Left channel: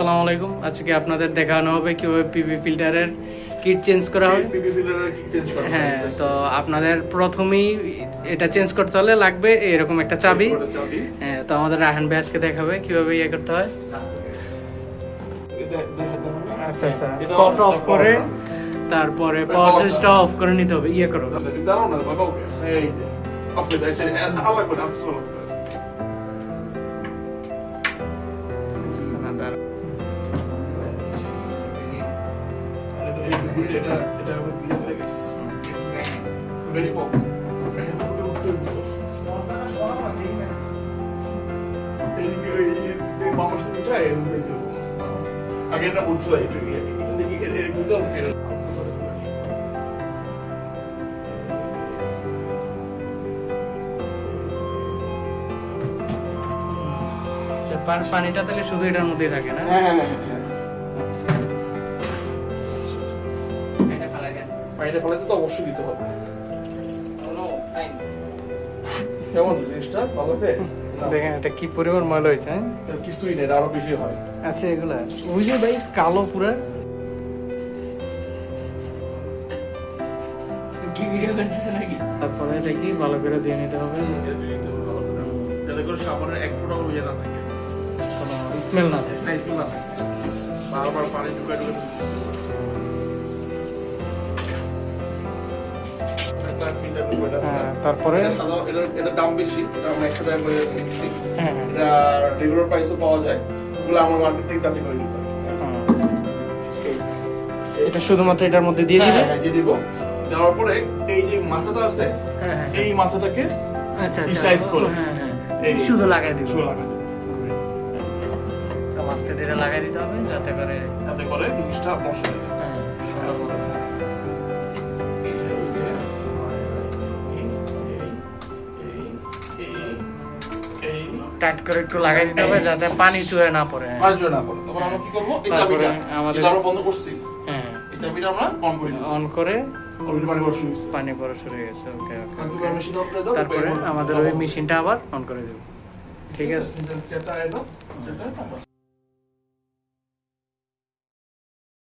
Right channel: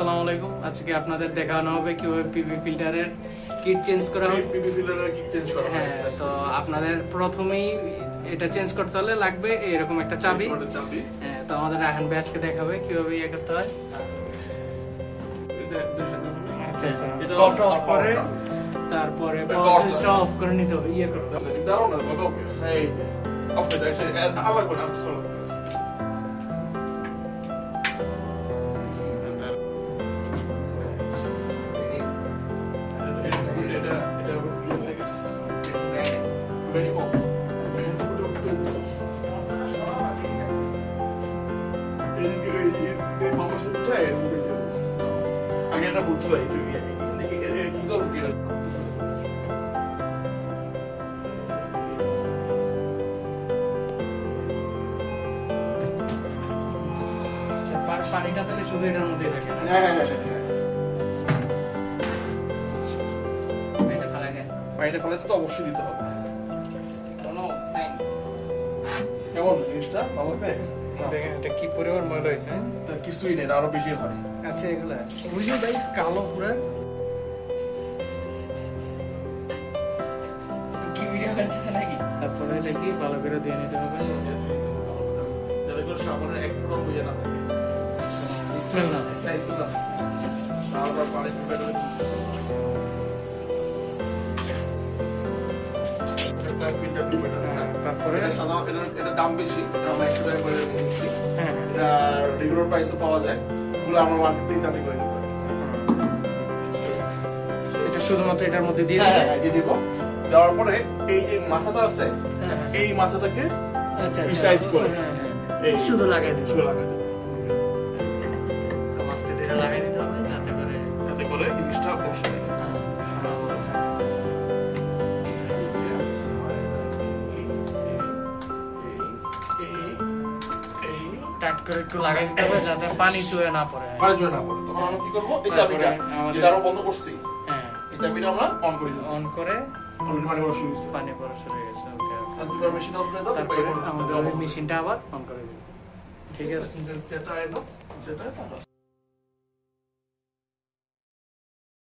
আসসালামু আলাইকুম। আজকে আপনাদের দেখানো হবে কিভাবে পিপি ফিল্টারের কিট চেঞ্জ করা হবে। হ্যাঁ, তো আপনাদের প্রথমেই এটা চেঞ্জ করতে হলে লাগবে এরকম একটা চাবি। হ্যাঁ, তো আমাদের রাহান ভাই আজকে দেখাবে কিভাবে ইয়ে করতে হয়। আচ্ছা আচ্ছা, কট অফ করে তারপরে পাওয়ার সুইচটা অফ করে নিতে হবে। ইয়ে করো আগে এটা বুঝছিল এটা পানিটা তাহলে শুধু এটার মধ্যেই থাকে না? হ্যাঁ পানিটা ফেলাতে তো অবশ্যই দিতে হবে। কেমন জিনিসটা ভালো হবে? দেখেন এটা কি পরিমাণ ময়লা হয়েছে। কিছুই নেই, আরো বেশি হয়। আচ্ছা, এগুলা ওই যে ভাই কালো পুরা কি ভিডিও করতেছে নাকি? তারপরে এটা কি ভালো করে দিয়ে নিতে হবে যাতে করে সাবানের এক ফোঁটাও ইয়ে না থাকে, স্মেল না থাকে। না স্মেল না থাকে। বারবার পানি ঢুকে তারপরে এটা দাম বেশি, আমরা 100 টাকা করে নিচ্ছি। হ্যাঁ এটা রেগুলার প্রাইসও পাওয়া যায়, ওগুলো আমার মার্কেট থেকে তাতে করে নিতে পারি। এটা শুধুমাত্র এটার মধ্যে দিয়ে দিবে। হ্যাঁ দিয়ে দিব। দেওয়ার পরে এই যে মাথাটা আছে, এই মাথাটাকে আচ্ছা রিসাইজ করে এই শুধু লাগাই দিবে। শুধু লাগাই দিব। তো মাছটা দিয়ে লাগাই দিতে হবে যাতে করে জিনিসটা মশলা দিবে। টাইট করে একটু লাগাই দিতে হবে যাতে পানি চুয়ে না পড়ে। পানি চুয়ে না পড়ে। তখন আমরা কি করব? এই চাবিটা আমাদের আরো বন্ধ করছি। হ্যাঁ, এই চাবিটা আমরা অন করে দিব। অন করে পানি পড়া শুরু পানি পড়া শুরু হয়েছে। হয়ে গেছে। ওকে ওকে। মেশিন অন করে দাও। তারপরে আমাদের ওই মেশিনটা আবার অন করে দেব। ঠিক আছে। যেটা এলো সেটা